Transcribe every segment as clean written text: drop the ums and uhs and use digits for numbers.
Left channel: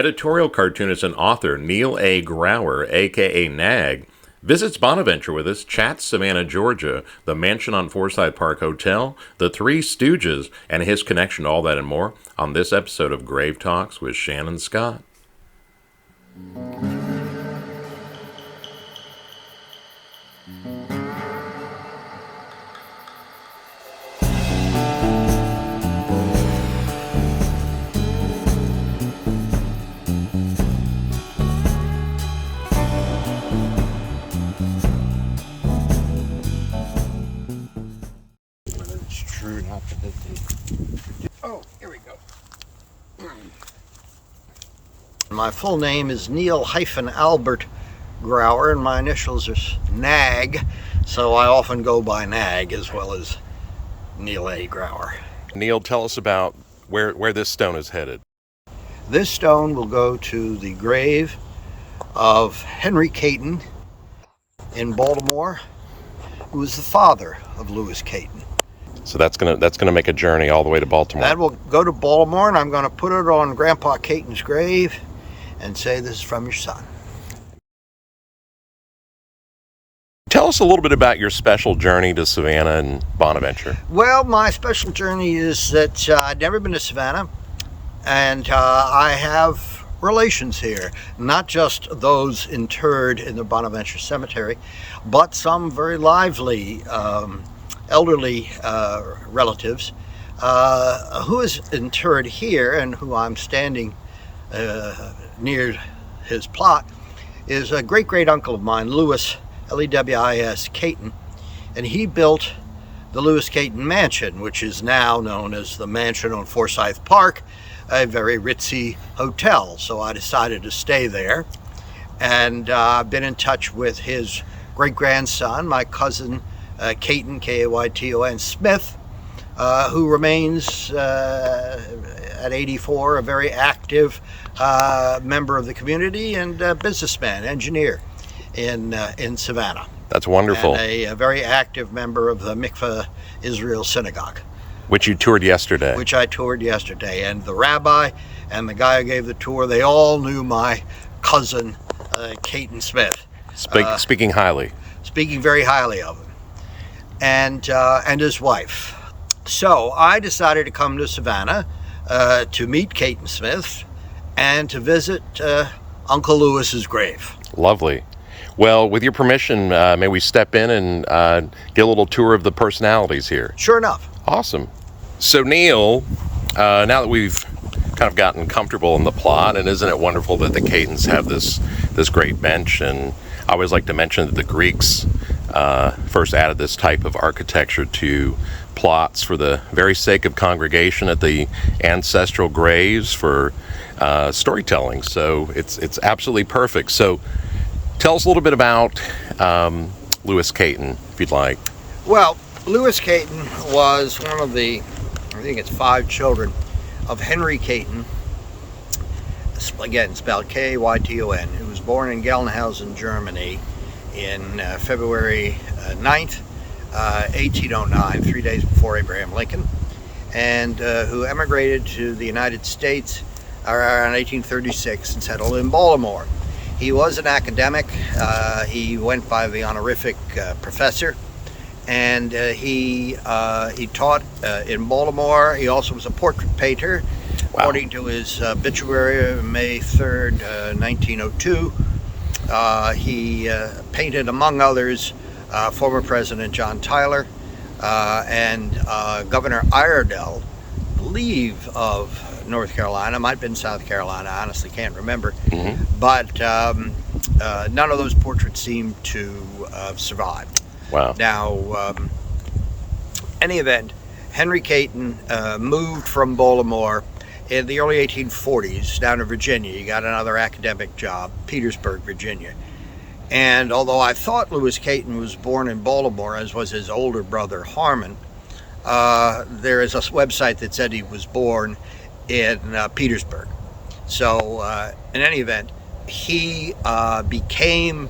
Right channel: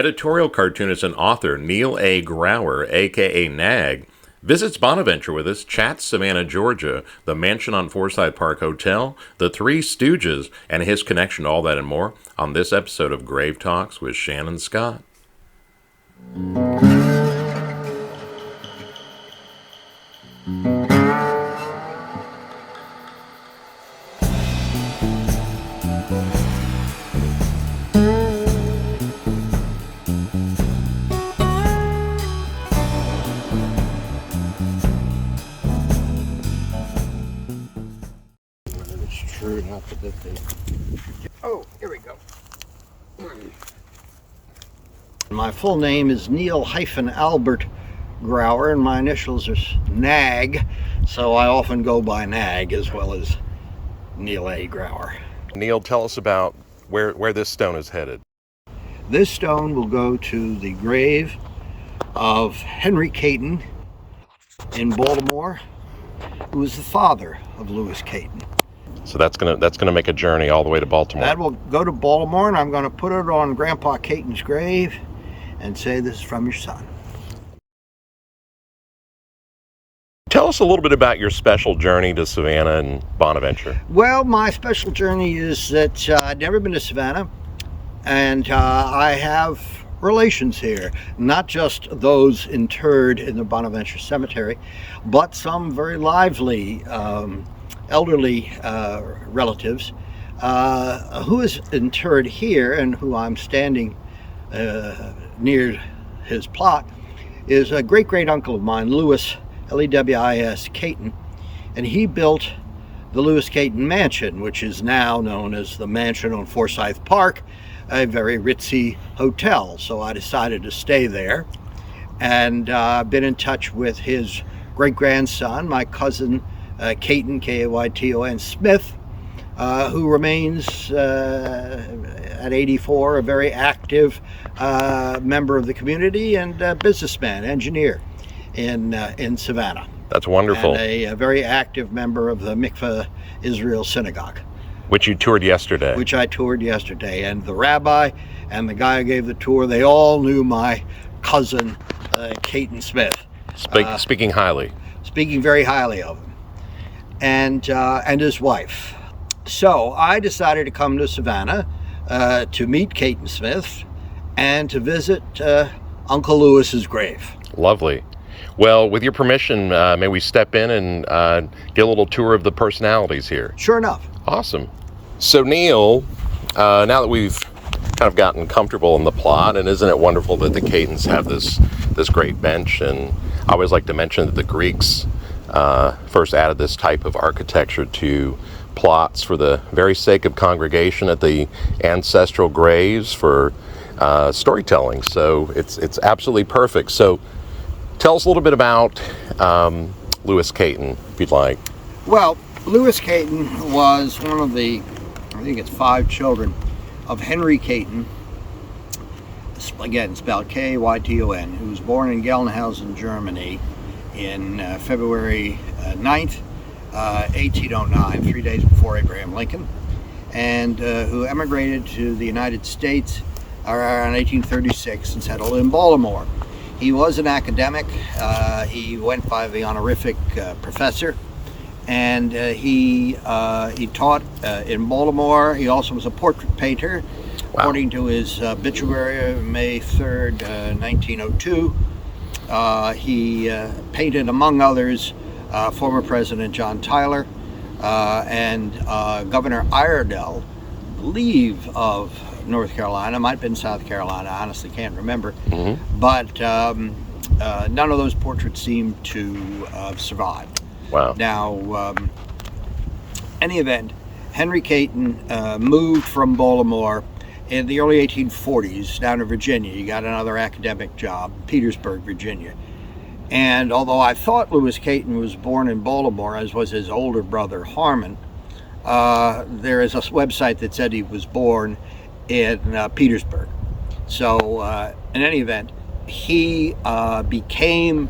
Editorial cartoonist and author Neil A. Grauer, a.k.a. Nag, visits Bonaventure with us, chats Savannah, Georgia, the mansion on Forsyth Park Hotel, the Three Stooges, and his connection to all that and more on this episode of Grave Talks with Shannon Scott. Oh, here we go. My full name is Neil-Albert Grauer, and my initials are Nag, so I often go by Nag as well as Neil A. Grauer. Neil, tell us about where this stone is headed. This stone will go to the grave of Henry Kayton in Baltimore, who was the father of Louis Kayton. So that's gonna make a journey all the way to Baltimore. That will go to Baltimore, and I'm going to put it on Grandpa Kayton's grave and say, "This is from your son." Tell us a little bit about your special journey to Savannah and Bonaventure. Well, my special journey is that I've never been to Savannah, and I have relations here, not just those interred in the Bonaventure Cemetery, but some very lively elderly relatives who is interred here, and who I'm standing near his plot, is a great uncle of mine, Louis, Lewis Kayton, and he built the Louis Kayton Mansion, which is now known as the Mansion on Forsyth Park, a very ritzy hotel. So I decided to stay there, and I've been in touch with his great-grandson, my cousin Kayton, Kayton Smith, who remains at 84 a very active member of the community and businessman, engineer in Savannah. That's wonderful. And a very active member of the Mikveh Israel Synagogue. Which you toured yesterday. Which I toured yesterday. And the rabbi and the guy who gave the tour, they all knew my cousin, Kayton Smith. Speaking highly. Speaking very highly of him. And his wife. So I decided to come to Savannah to meet Kayton Smith and to visit Uncle Lewis's grave. Lovely. Well, with your permission, may we step in and get a little tour of the personalities here? Sure enough. Awesome. So Neil, now that we've kind of gotten comfortable in the plot, and isn't it wonderful that the Kaytons have this great bench? And I always like to mention that the Greeks first added this type of architecture to plots for the very sake of congregation at the ancestral graves for storytelling. So it's absolutely perfect. So tell us a little bit about Louis Kayton, if you'd like. Well, Louis Kayton was one of the, I think it's 5 children of Henry Kayton, again spelled Kayton, who was born in Gelnhausen, Germany in February 9th, 1809, 3 days before Abraham Lincoln, and who emigrated to the United States around 1836 and settled in Baltimore. He was an academic. He went by the honorific professor, and he taught in Baltimore. He also was a portrait painter. Wow. According to his obituary, May 3rd, 1902, he painted, among others, former President John Tyler and Governor Iredell, I believe, of North Carolina. Might have been South Carolina. I honestly can't remember. Mm-hmm. But none of those portraits seem to have survived. Wow. Now, any event, Henry Kayton moved from Baltimore in the early 1840s down to Virginia. He got another academic job, Petersburg, Virginia. And although I thought Louis Kayton was born in Baltimore, as was his older brother Harmon, there is a website that said he was born in Petersburg. So in any event, he grew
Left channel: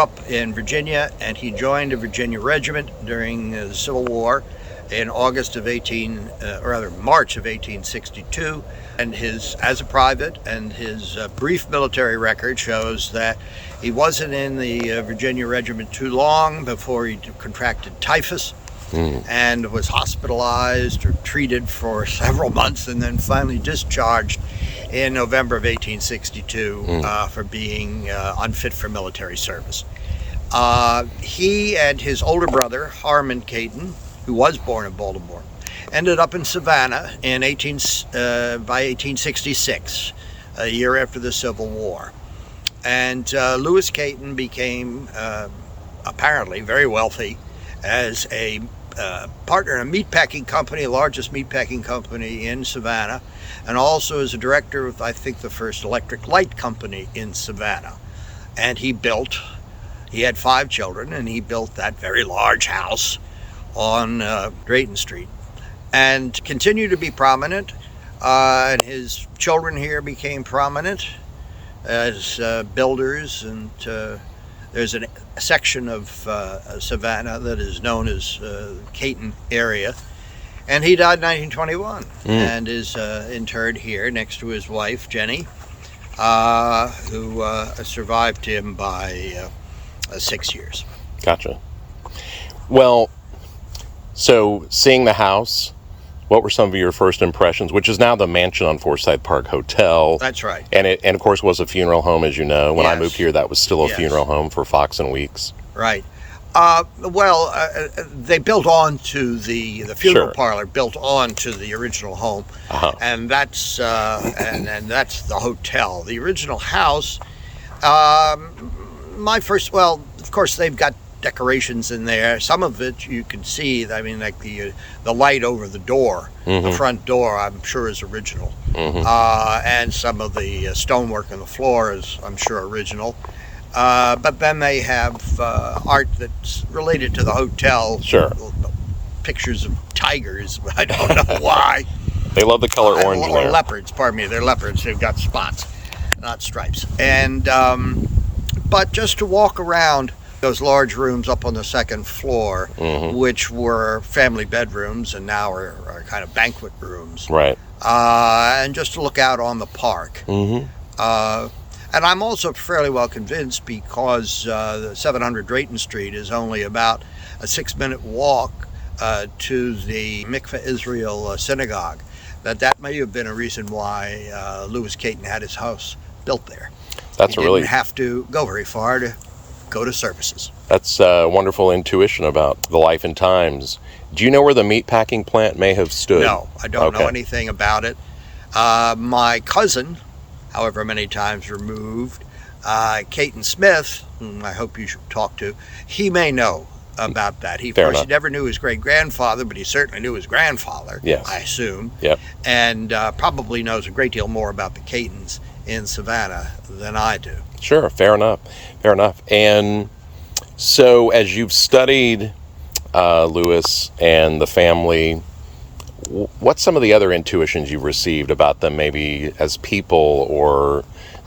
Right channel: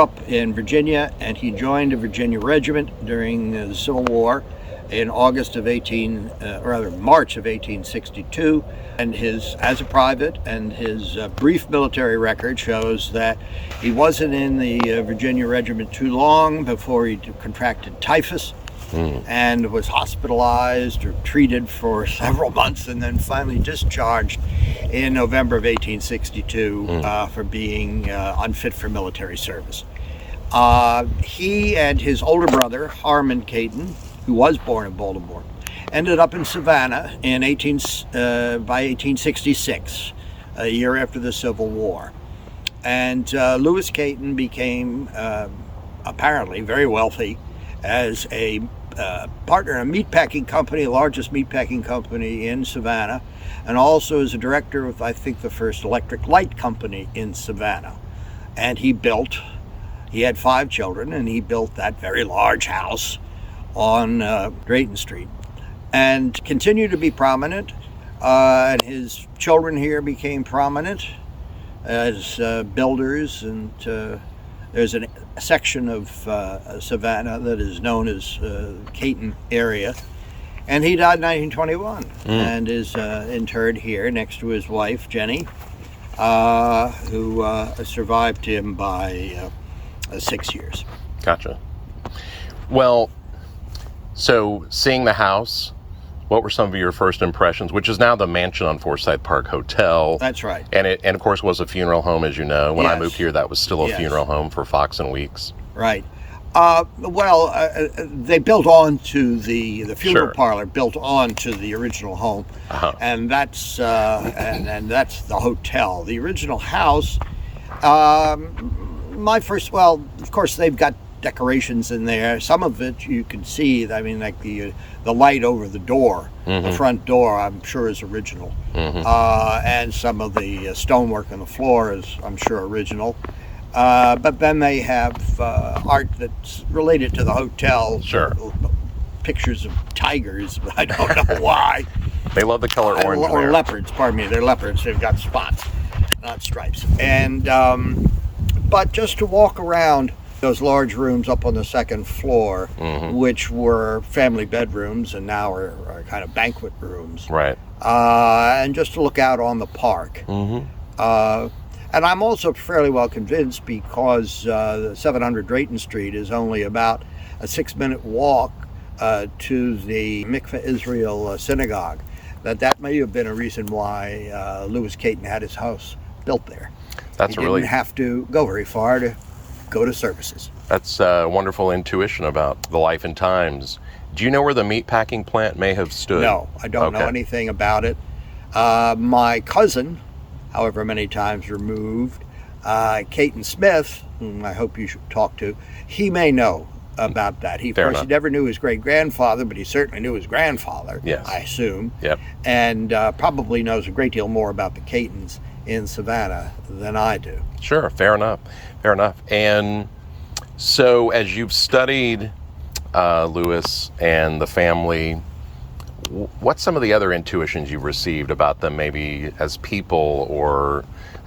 up in Virginia, and he joined a Virginia regiment during the Civil War in March of 1862. And as a private, and his brief military record shows that he wasn't in the Virginia Regiment too long before he contracted typhus and was hospitalized or treated for several months, and then finally discharged in November of 1862 for being unfit for military service. He and his older brother, Harmon Kayton, who was born in Baltimore, ended up in Savannah by 1866, a year after the Civil War. And Lewis Kayton became apparently very wealthy as a partner in a meatpacking company, the largest meatpacking company in Savannah, and also as a director of, I think, the first electric light company in Savannah. And he had 5 children, and he built that very large house on Drayton Street, and continued to be prominent. And his children here became prominent as builders, and there's a section of Savannah that is known as Kayton area. And he died in 1921 and is interred here next to his wife, Jenny, who survived him by 6 years. Gotcha. Well, so seeing the house, what were some of your first impressions, which is now the mansion on Forsyth Park Hotel? That's right. And it, of course, was a funeral home, as you know. When I Yes. moved here, that was still a Yes. funeral home for Fox and Weeks. Right. They built onto the funeral Sure. parlor, built onto the original home, and that's and that's the hotel. The original house, of course, they've got decorations in there. Some of it you can see. I mean, like the light over the door, the front door, I'm sure is original, and some of the stonework on the floor is, I'm sure, original. But then they have art that's related to the hotel. Sure. Pictures of tigers. I don't know why. They love the color orange in Or there. leopards. Pardon me. They're leopards. They've got spots, not stripes. And but just to walk around those large rooms up on the second floor, which were family bedrooms and now are kind of banquet rooms. Right. And just to look out on the park. And I'm also fairly well convinced, because the 700 Drayton Street is only about a 6-minute walk to the Mikveh Israel synagogue, that may have been a reason why Lewis Kayton had his house built there. He didn't have to go very far to go to services. That's a wonderful intuition about the life and times. Do you know where the meatpacking plant may have stood? No, I don't know anything about it. My cousin, however many times removed, Kayton Smith, whom I hope you should talk to, he may know about that. He never knew his great-grandfather, but he certainly knew his grandfather, yes. I assume. Yep. And probably knows a great deal more about the Kaytons in Savannah than I do. Sure, fair enough. And so as you've studied Lewis and the family, what's some of the other intuitions you've received about them, maybe as people, or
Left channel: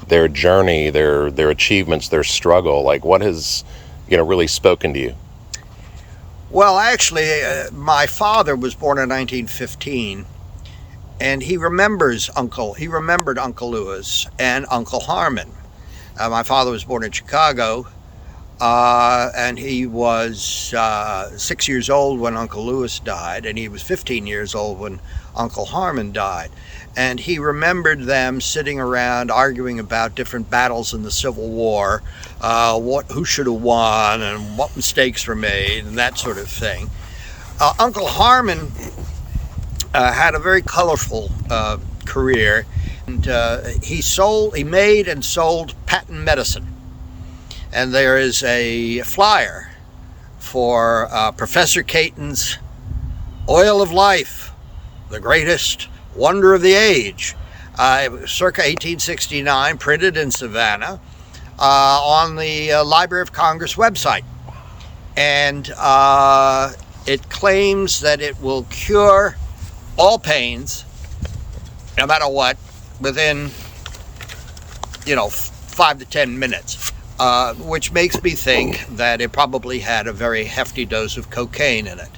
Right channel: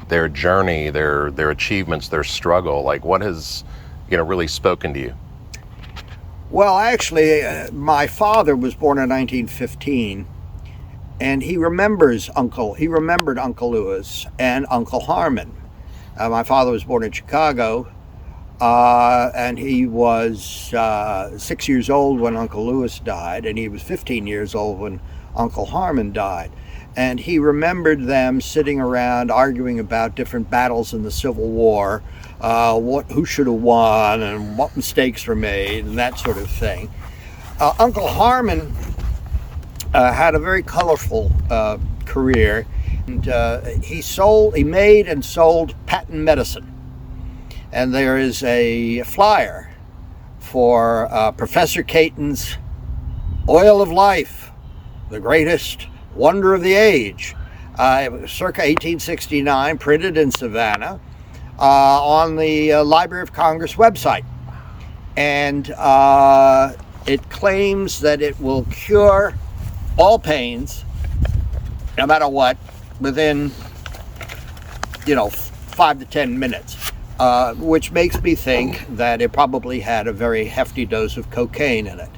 their journey, their achievements, their struggle? Like, what has really spoken to you? Well, actually, my father was born in 1915, and he remembered Uncle Lewis and Uncle Harmon. My father was born in Chicago, and he was 6 years old when Uncle Lewis died, and he was 15 years old when Uncle Harmon died. And he remembered them sitting around arguing about different battles in the Civil War, who should have won and what mistakes were made and that sort of thing. Uncle Harmon had a very colorful career, and he made and sold patent medicine. And there is a flyer for Professor Kayton's Oil of Life, the greatest wonder of the age. It was circa 1869, printed in Savannah on the Library of Congress website. And it claims that it will cure all pains, no matter what, within 5 to 10 minutes. which makes me think that it probably had a very hefty dose of cocaine in it,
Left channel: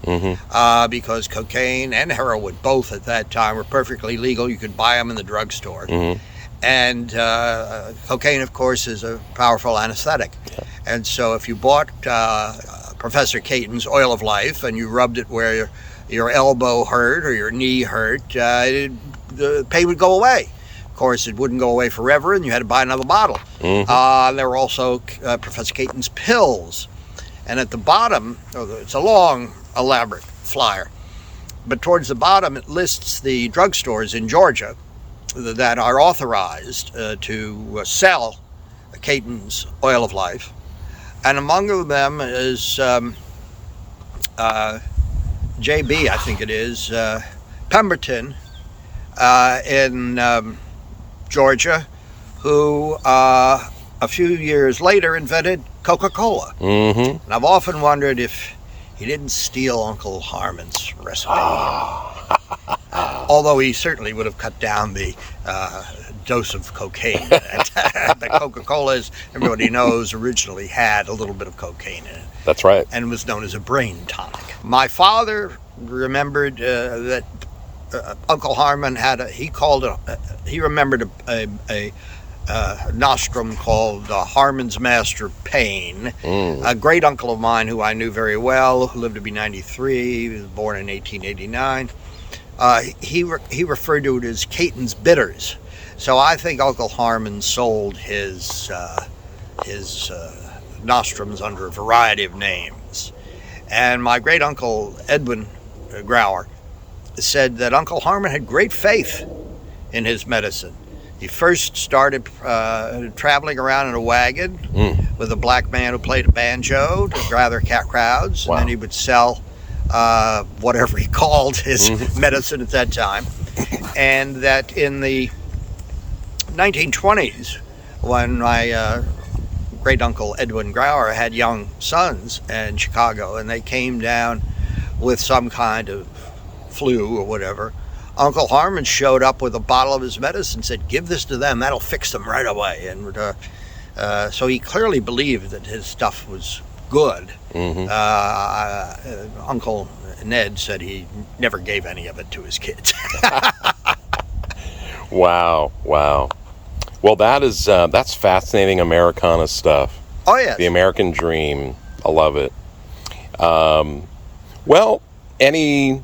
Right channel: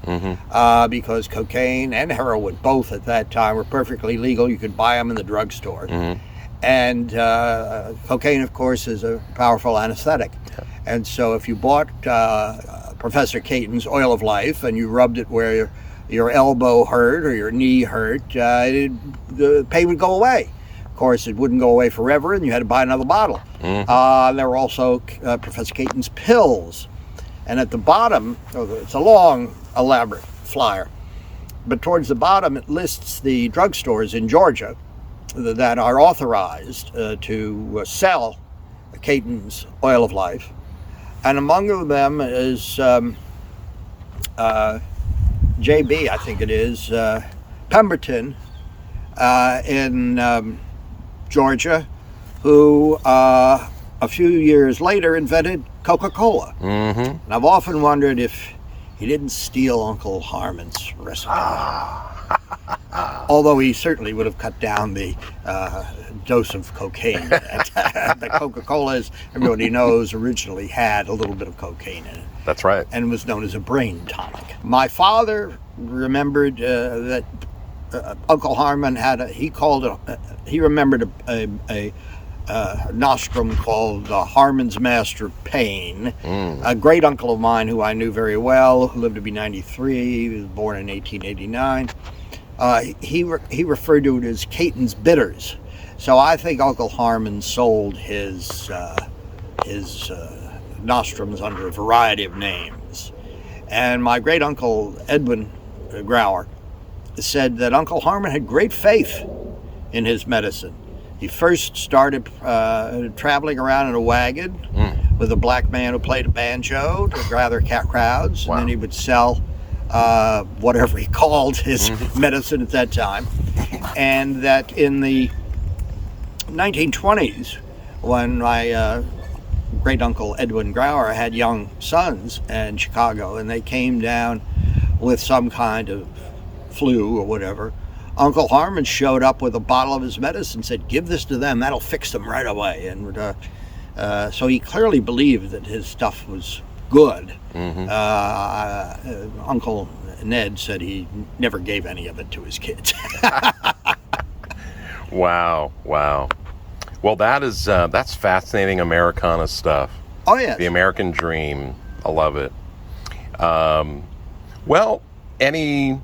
because cocaine and heroin, both at that time, were perfectly legal. You could buy them in the drugstore. And cocaine, of course, is a powerful anesthetic. And so if you bought Professor Kayton's Oil of Life and you rubbed it where your elbow hurt or your knee hurt, the pain would go away. Of course, it wouldn't go away forever, and you had to buy another bottle. There were also Professor Kayton's pills. And at the bottom, it's a long, elaborate flyer, but towards the bottom it lists the drugstores in Georgia that are authorized to sell Kayton's Oil of Life. And among them is JB, I think it is, Pemberton in Georgia, who a few years later invented Coca-Cola. And I've often wondered if he didn't steal Uncle Harmon's recipe. Although he certainly would have cut down the dose of cocaine. But Coca-Cola, as everybody knows, originally had a little bit of cocaine in it. That's right. And was known as a brain tonic. My father remembered that Uncle Harmon he remembered a nostrum called Harmon's Master Pain. A great uncle of mine who I knew very well, who lived to be 93, he was born in 1889. He referred to it as Kayton's Bitters. So I think Uncle Harmon sold his nostrums under a variety of names. And my great uncle Edwin Grauer said that Uncle Harmon had great faith in his medicine. He first started traveling around in a wagon with a black man who played a banjo to gather crowds, and then he would sell whatever he called his medicine at that time. And that in the 1920s, when my great uncle Edwin Grauer had young sons in Chicago, and they came down with some kind of flu or whatever, Uncle Harmon showed up with a bottle of his medicine and said, "Give this to them, that'll fix them right away." And so he clearly believed that his stuff was good. Uncle Ned said he never gave any of it to his kids. Wow. Well, that's fascinating Americana stuff. Oh, yes. The American dream. I love it. Well, any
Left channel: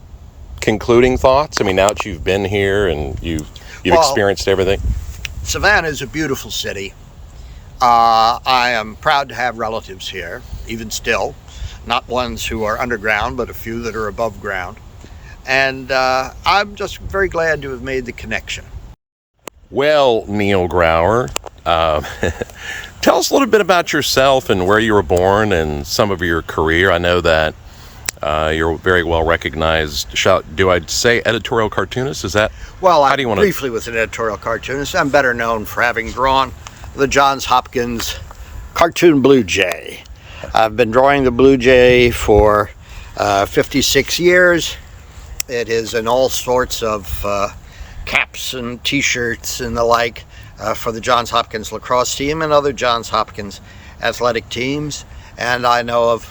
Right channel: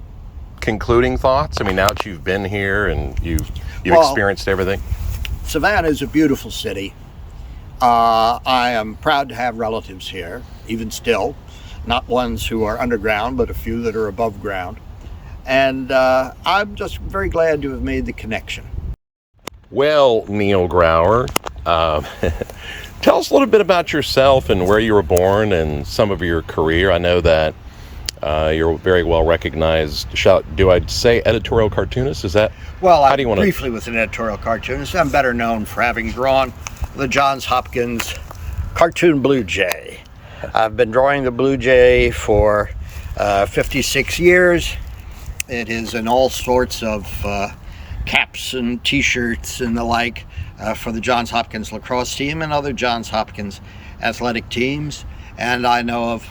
concluding thoughts? I mean, now that you've been here and you've experienced everything. Savannah is a beautiful city. I am proud to have relatives here, even still. Not ones who are underground, but a few that are above ground. And I'm just very glad to have made the connection. Well, Neil Grauer, tell us a little bit about yourself and where you were born and some of your career. I know that you're very well recognized. Do I say editorial cartoonist? Is that? Well, I briefly was an editorial cartoonist. I'm better known for having drawn the Johns Hopkins cartoon Blue Jay. I've been drawing the Blue Jay for 56 years. It is in all sorts of caps and t-shirts and the like for the Johns Hopkins lacrosse team and other Johns Hopkins athletic teams. And I know of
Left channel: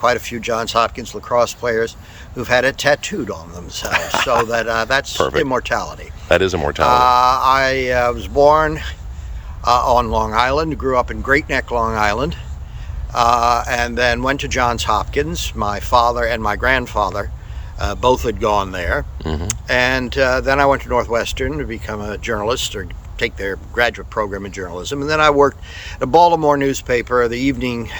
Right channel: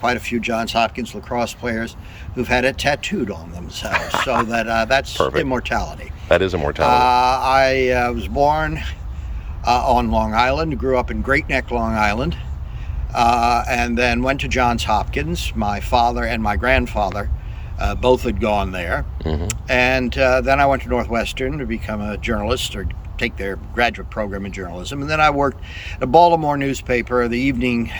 quite a few Johns Hopkins lacrosse players who've had it tattooed on themselves. So that's Perfect. Immortality. That is immortality. I was born on Long Island, grew up in Great Neck, Long Island, and then went to Johns Hopkins. My father and my grandfather both had gone there. And then I went to Northwestern to become a journalist or take their graduate program in journalism. And then I worked at a Baltimore newspaper, the evening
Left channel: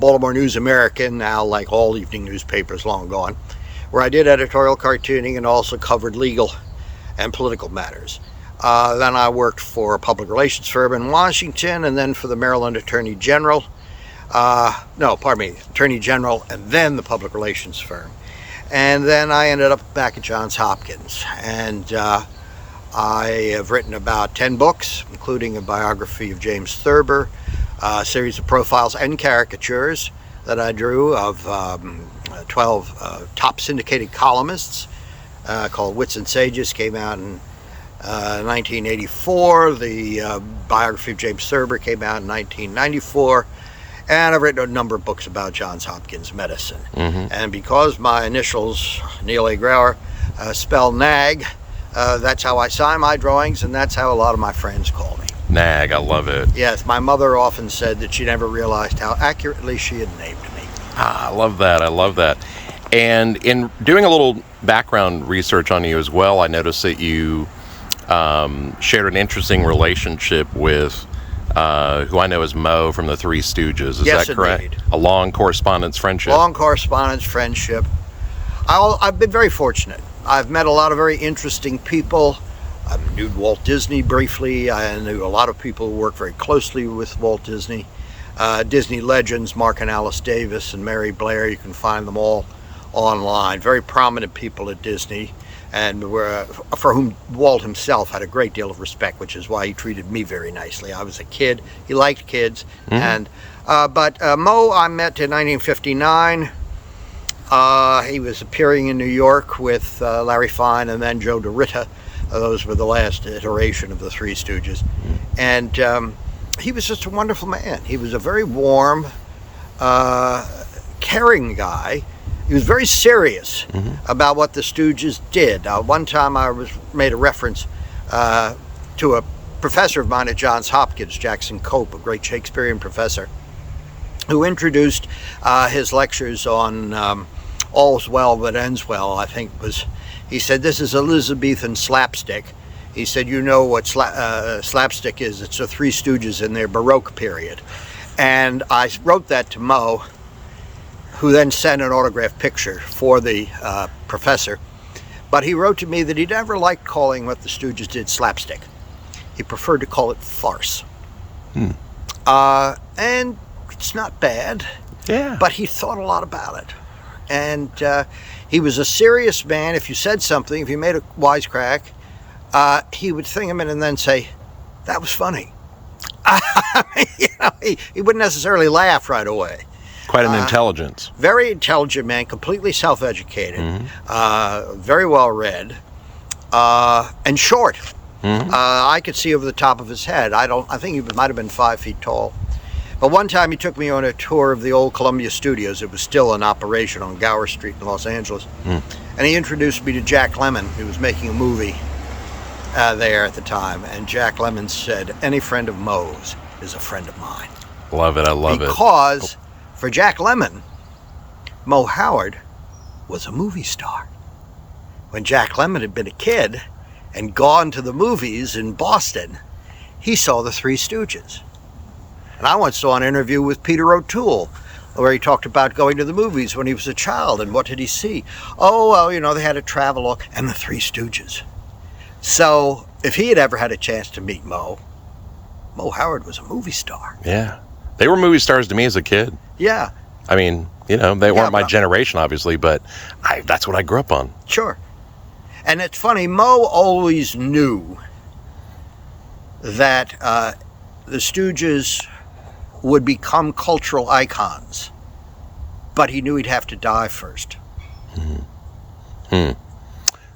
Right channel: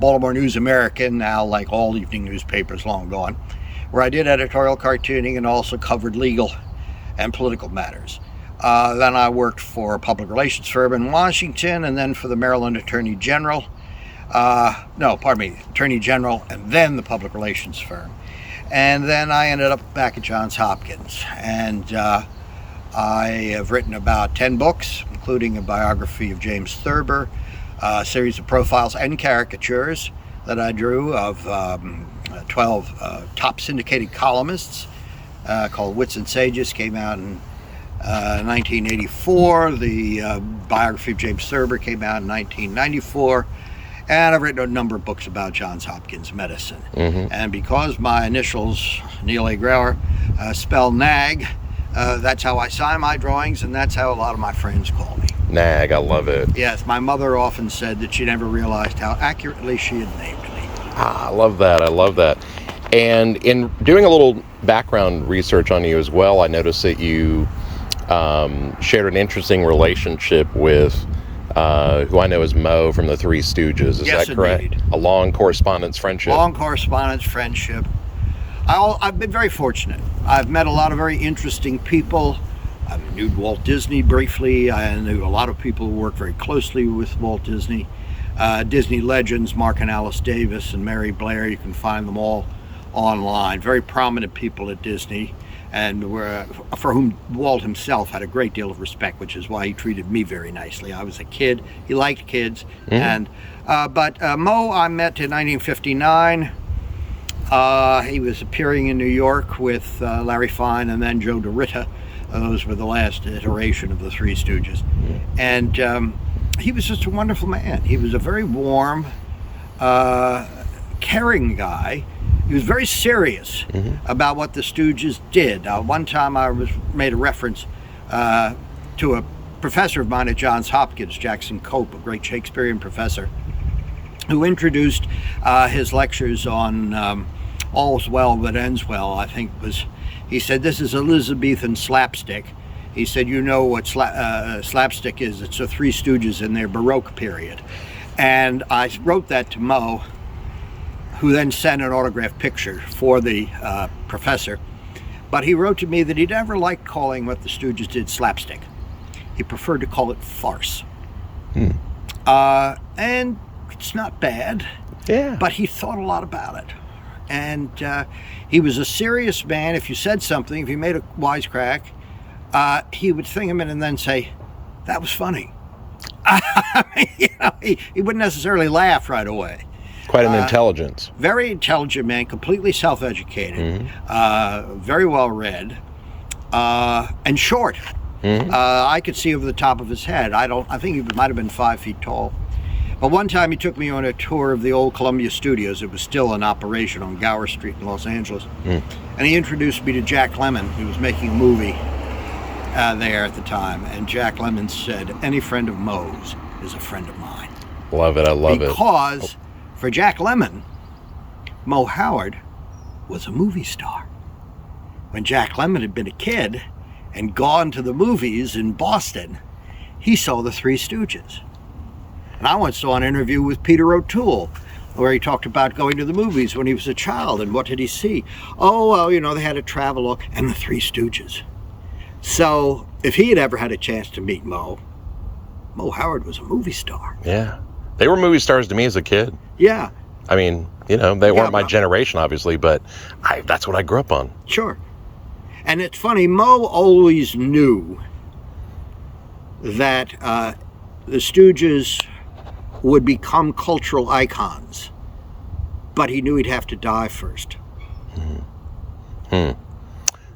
Baltimore News American, now like all evening newspapers long gone, where I did editorial cartooning and also covered legal and political matters. Then I worked for a public relations firm in Washington, and then for the Maryland Attorney General. Attorney General and then the public relations firm. And then I ended up back at Johns Hopkins. And I have written about 10 books, including a biography of James Thurber, a series of profiles and caricatures that I drew of 12 top syndicated columnists called Wits and Sages, came out in 1984. The biography of James Thurber came out in 1994. And I've written a number of books about Johns Hopkins medicine. And because my initials, Neil A. Grauer, spell NAG, that's how I sign my drawings, and that's how a lot of my friends call me. Nag, I love it. Yes, my mother often said that she never realized how accurately she had named me. Ah, I love that. I love that. And in doing a little background research on you as well, I noticed that you shared an interesting relationship with who I know as Mo from the Three Stooges. Is Yes, that correct? indeed. A long correspondence friendship? Long correspondence, friendship. I've been very fortunate. I've met a lot of very interesting people. I knew Walt Disney briefly. I knew a lot of people who worked very closely with Walt Disney. Disney legends, Mark and Alice Davis and Mary Blair, you can find them all online. Very prominent people at Disney, and for whom Walt himself had a great deal of respect, which is why he treated me very nicely. I was a kid. He liked kids. And but Mo I met in 1959. He was appearing in New York with Larry Fine and then Joe DeRitta. Those were the last iteration of the Three Stooges. And he was just a wonderful man. He was a very warm, caring guy. He was very serious about what the Stooges did. One time I made a reference to a professor of mine at Johns Hopkins, Jackson Cope, a great Shakespearean professor, who introduced his lectures on All's Well That Ends Well, I think he said, this is Elizabethan slapstick. He said, you know what slapstick is. It's the Three Stooges in their Baroque period. And I wrote that to Mo, who then sent an autographed picture for the professor. But he wrote to me that he never liked calling what the Stooges did slapstick. He preferred to call it farce. And it's not bad, but he thought a lot about it. And he was a serious man. If you said something, if you made a wisecrack, he would think a minute and then say, that was funny. I mean, he wouldn't necessarily laugh right away. Quite an intelligence. Very intelligent man, completely self-educated, very well read, and short. I could see over the top of his head. I think he might have been 5 feet tall. But one time he took me on a tour of the old Columbia Studios. It was still in operation on Gower Street in Los Angeles. And he introduced me to Jack Lemmon, who was making a movie there at the time. And Jack Lemmon said, any friend of Mo's is a friend of mine. Love it. I love it. Because for Jack Lemmon, Mo Howard was a movie star. When Jack Lemmon had been a kid and gone to the movies in Boston, he saw the Three Stooges. And I once saw an interview with Peter O'Toole where he talked about going to the movies when he was a child, and what did he see? Oh, well, you know, they had a travelogue and the Three Stooges. So if he had ever had a chance to meet Mo Howard was a movie star. Yeah. They were movie stars to me as a kid. Yeah. I mean, you know, they weren't my generation, obviously, but that's what I grew up on. Sure. And it's funny, Mo always knew that the Stooges would become cultural icons, but he knew he'd have to die first.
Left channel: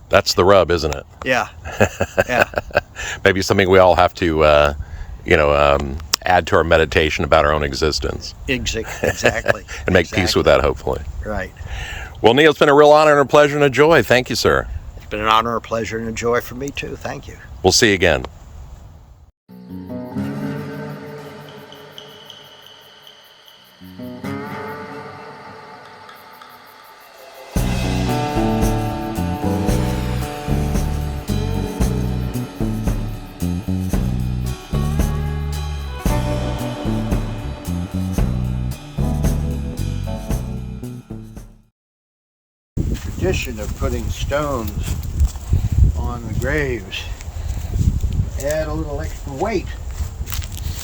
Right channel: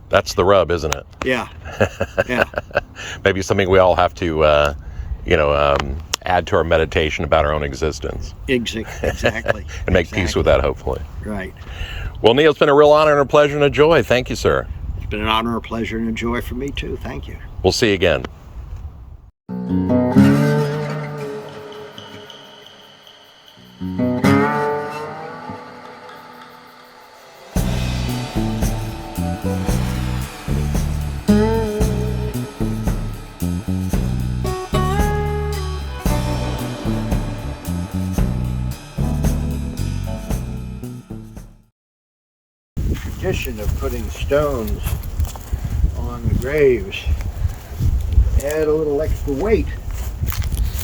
That's the rub, isn't it? Yeah. Yeah. Maybe something we all have to, add to our meditation about our own existence. Exactly. And make peace with that, hopefully. Right. Well, Neil, it's been a real honor and a pleasure and a joy. Thank you, sir. It's been an honor, a pleasure, and a joy for me, too. Thank you. We'll see you again. Tradition of putting stones on the graves, add a little extra weight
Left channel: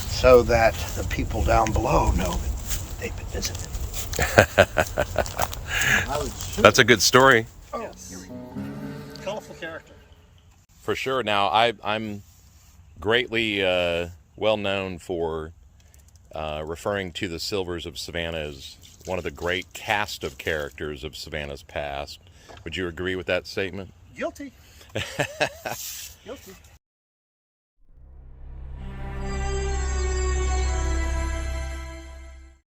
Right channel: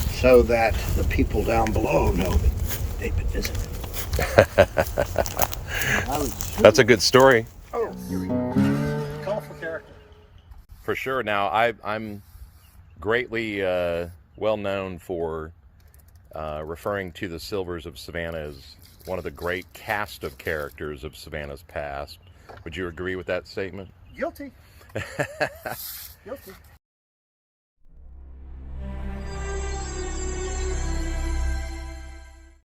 so that the people down below know that they've been visited. That's a good story. Oh, colorful character. For sure. Now, I'm greatly well known for referring to the Silvers of Savannah as one of the great cast of characters of Savannah's past. Would you agree with that statement? Guilty. Guilty.